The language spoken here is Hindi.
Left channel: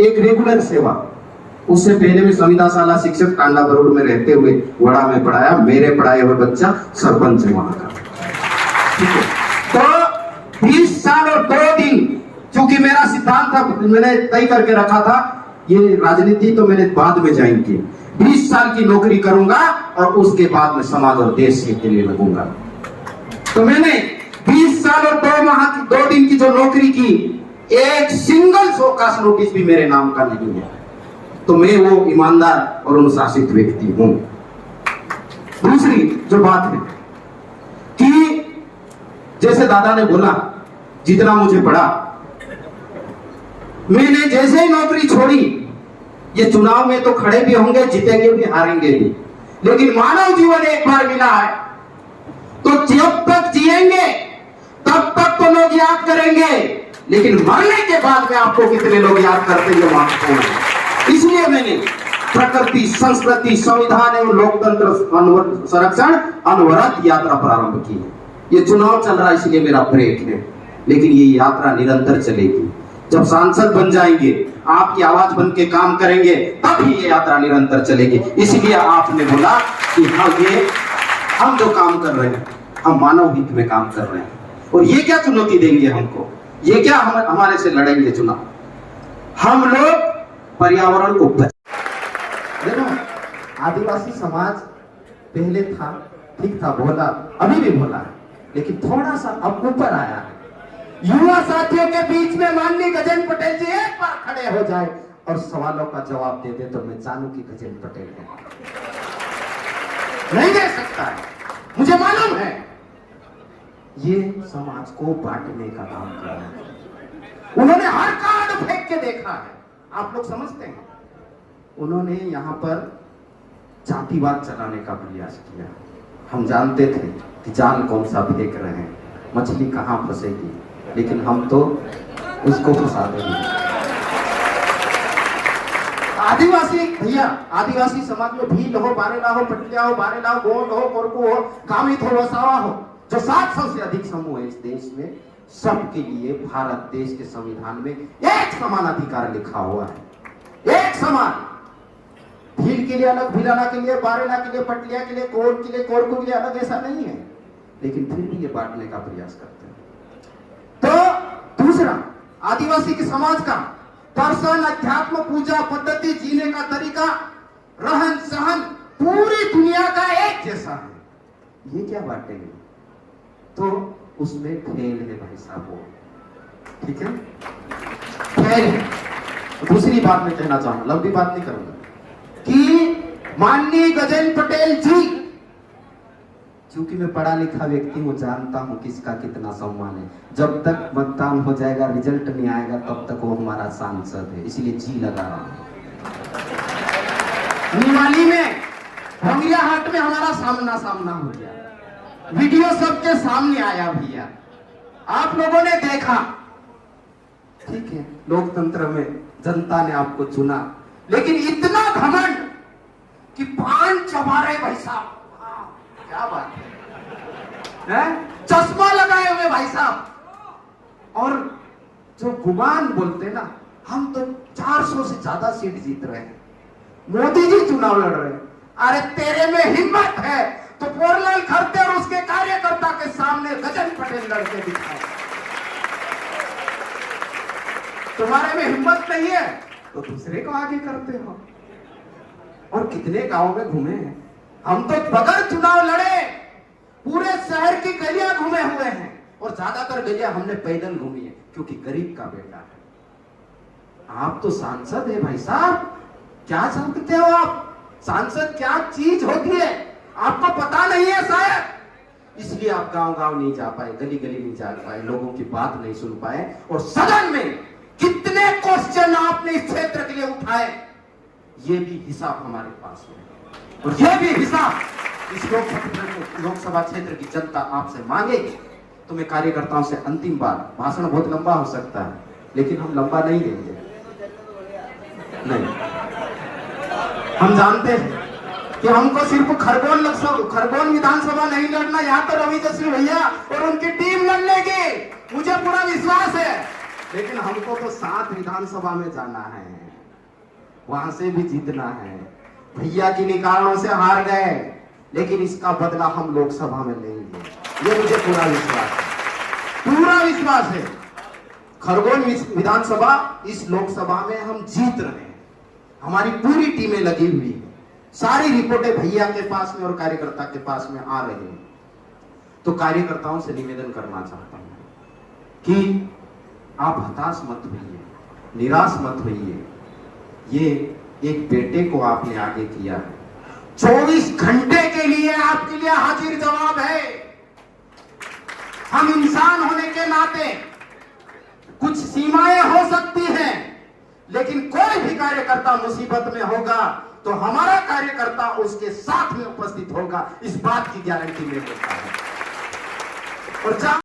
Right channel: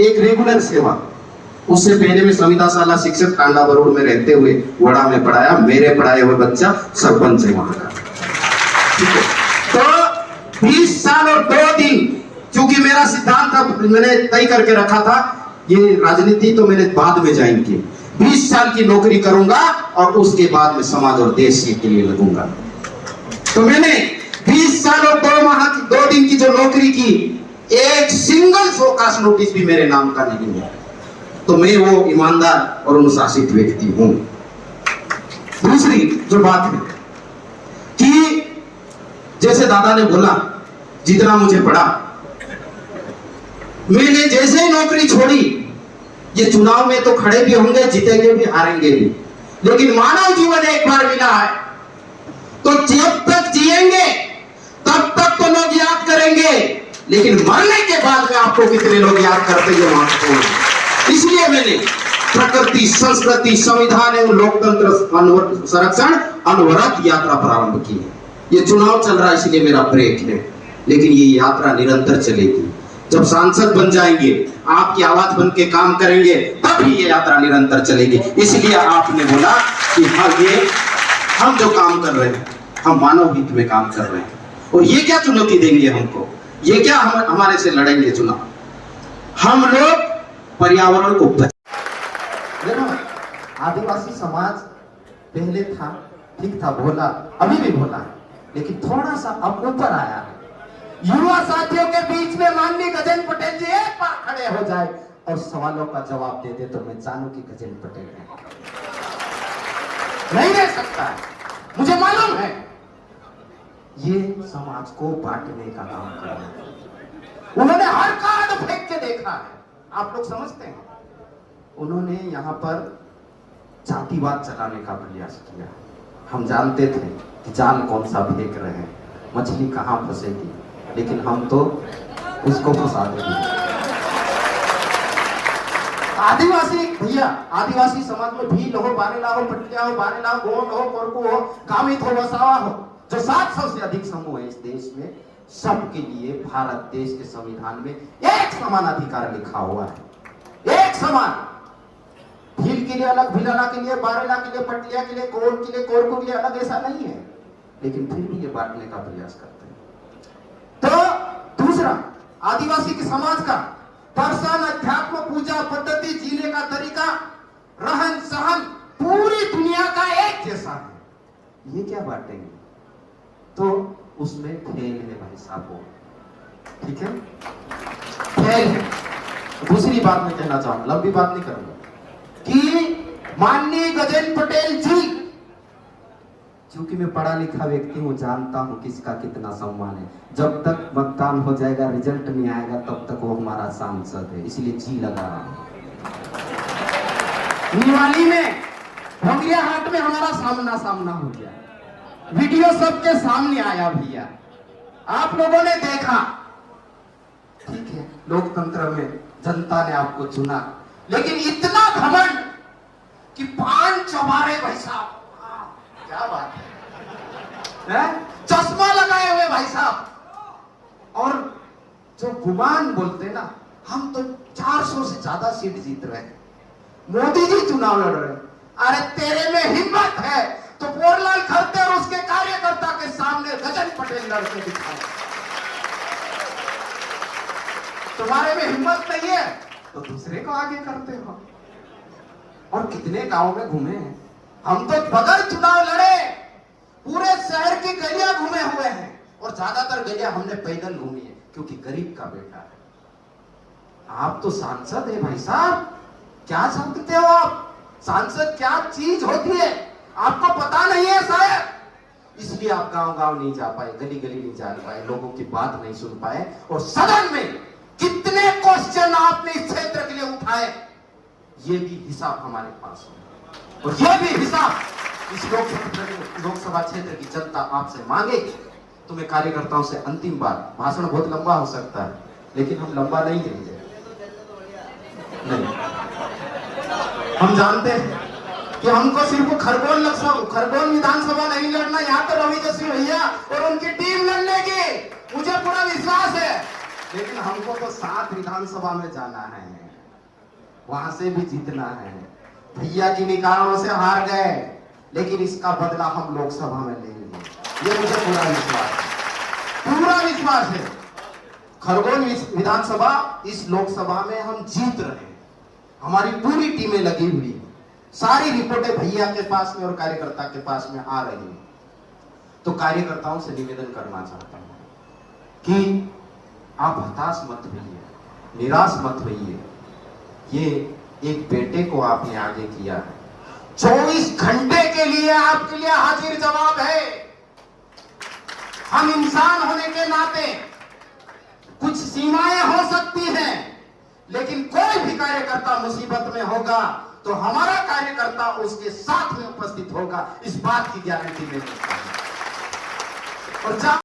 एक रेगुलर सेवा। उससे पहले मैं संविदा शाला शिक्षक टांगा बरोड़ में रहते हुए वड़ा में पढ़ाया। मेरे पढ़ाए हुए बच्चा सरपंच है वहां का। ठीक है, तो 20 साल और 2 दिन, क्योंकि मेरा सिद्धांत था, मैंने तय करके रखा था, ये राजनीति तो मैंने बाद में ज्वाइन की। 20 साल की नौकरी करूंगा और उसके बाद में समाज और देश के लिए लगूंगा। तो मैंने 20 साल और 2 माह की 2 दिन की जो नौकरी की, एक सिंगल शोकास नोटिस भी मेरे नाम का नहीं है। तो मैं वो ईमानदार और अनुशासित व्यक्ति हूं। दूसरी जो बात है कि जैसे दादा ने बोला, जितना मुझे पड़ा, मैंने जैसे ही नौकरी छोड़ी, ये चुनाव में तो खड़े भी होंगे, जीतेंगे भी, हारेंगे भी, लेकिन मानव जीवन एक बार मिला है, तो जब तक जिएंगे तब तक तो लोग याद करेंगे, लेकिन मरने के बाद में आपको कितने लोग याद करते हैं महत्वपूर्ण है। इसलिए मैंने प्रकृति, संस्कृति, संविधान एवं लोकतंत्र संरक्षण अनवरत यात्रा प्रारंभ की है। ये चुनाव चल रहा है इसलिए मेरा ब्रेक है, लेकिन ये यात्रा निरंतर चलेगी। जब सांसद बन जाएंगे, आपकी आवाज बन के काम करेंगे, तब ही ये यात्रा निरंतर चलेगी। इसलिए आपने बोला कि हाँ, ये हम जो काम कर रहे हैं, हम मानव हित में काम कर रहे हैं, और ये क्या चुनौती देंगे हमको, ये क्या हमारे से लड़ेंगे चुनाव। हम लोग पर्यावरण को देखो, आदिवासी समाज पहले था, ठीक था, भोला, अभी भी भोला है, लेकिन थोड़ा सा अब ऊपर आया है। युवा साथियों के बीच में माननीय गजेंद्र पटेल जी एक बार खड़े हो जाए और सवालों का जवाब दे दे तो मैं जानू कि गजेंद्र पटेल है। नहीं दे सकता, मुझे मालूम है। ये समाज को बांटने का काम कर रहे हैं। उन्होंने हर कार्ड फेंक के देखा है, आप लोग समझते हैं। उन्होंने यहाँ पर जातिवाद चलाने का प्रयास किया। हम जानते थे कि जाल कौन सा फेंक रहे हैं, मछली कहां फंसेगी, लेकिन हम तो उसको फंसा देंगे। आदिवासी भैया, आदिवासी समाज में भील हो, बारेला हो, पटिया हो, बारेला हो, गोंड हो, कोरकू हो, कामित हो, वसावा हो, जो 700 से अधिक समूह है इस देश में, सबके लिए भारत देश के संविधान में एक समान अधिकार लिखा हुआ है। एक समान। भील के लिए अलग, भीलाना के लिए, बारेला के लिए, पटिया के लिए, गोंड के लिए, कोरकू के लिए अलग, ऐसा नहीं है, लेकिन फिर भी ये बांटने का प्रयास करते हैं। तो दूसरा, आदिवासी के समाज का दर्शन, अध्यात्म, पूजा पद्धति, जीने का तरीका, रहन सहन पूरी दुनिया का एक जैसा है। ये क्या बांटेंगे? तो उसमें खेल है भाई साहब, वो ठीक है, खेल है। दूसरी बात मैं कहना चाहूंगा, लंबी बात नहीं करूंगा, कि माननीय गजेंद्र पटेल जी, क्योंकि मैं पढ़ा लिखा व्यक्ति हूं, जानता हूं किसका कितना सम्मान है। जब तक मतदान हो जाएगा, रिजल्ट नहीं आएगा, तब तक वो हमारा सांसद है, इसलिए जी लगा रहा हूं। निवाली में, भंगिया हाट में हमारा सामना हो गया, वीडियो सबके सामने आया भैया, आप लोगों ने देखा। ठीक है, लोकतंत्र में जनता ने आपको चुना, लेकिन इतना घमंड कि पान चबाए भाई साहब, क्या बात है, चश्मा लगाए हुए भाई साहब, और जो गुमान बोलते ना, हम तो 400 से ज्यादा सीट जीत रहे हैं, मोदी जी चुनाव लड़ रहे हैं। अरे तेरे में हिम्मत है तो पोरलाल खड़ते और उसके कार्यकर्ता के सामने गजेंद्र पटेल लड़के दिखाए। तुम्हारे में हिम्मत नहीं है तो दूसरे को आगे करते हो। और कितने गांव में घूमे हैं हम, तो बगैर चुनाव लड़े पूरे शहर की गलियां घूमे हुए हैं, और ज्यादातर गलियां हमने पैदल घूमी है, क्योंकि गरीब का बेटा है। आप तो सांसद है भाई साहब, क्या समझते हो आप? सांसद क्या चीज होती है आपको पता नहीं है शायद, इसलिए आप गांव गांव नहीं जा पाए, गली गली नहीं जा पाए, लोगों की बात नहीं सुन पाए। और सदन में कितने क्वेश्चन आपने इस क्षेत्र के लिए उठाए, ये भी हिसाब हमारे पास है, और ये भी हिसाब इस लोकसभा क्षेत्र की जनता आपसे मांगेगी। तो मैं कार्यकर्ताओं से अंतिम बार, भाषण बहुत लंबा हो सकता है, लेकिन हम लंबा नहीं देंगे। नहीं, हम जानते हैं कि हमको सिर्फ खरगोन विधानसभा नहीं लड़ना, यहाँ तो रवि जस्वी भैया और उनकी टीम लड़ लेगी, मुझे पूरा विश्वास है। लेकिन हमको तो 7 विधानसभा में जाना है, वहां से भी जीतना है। भैया जिन कारणों से हार गए, लेकिन इसका बदला हम लोकसभा में लेंगे, ये मुझे पूरा विश्वास है, पूरा विश्वास है। खरगोन विधानसभा, इस लोकसभा में हम जीत रहे हैं। हमारी पूरी टीमें लगी हुई है, सारी रिपोर्टें भैया के पास में और कार्यकर्ता के पास में आ रही हैं। तो कार्यकर्ताओं से निवेदन करना चाहता हूं कि आप हताश मत होइए, निराश मत होइए। ये एक बेटे को आपने आगे किया है, 24 घंटे के लिए आपके लिए हाजिर जवाब है। हम इंसान होने के नाते कुछ सीमाएं हो सकती हैं, लेकिन कोई भी कार्यकर्ता मुसीबत में होगा तो हमारा कार्यकर्ता उसके साथ में उपस्थित होगा, इस बात की गारंटी मैं देता हूं। और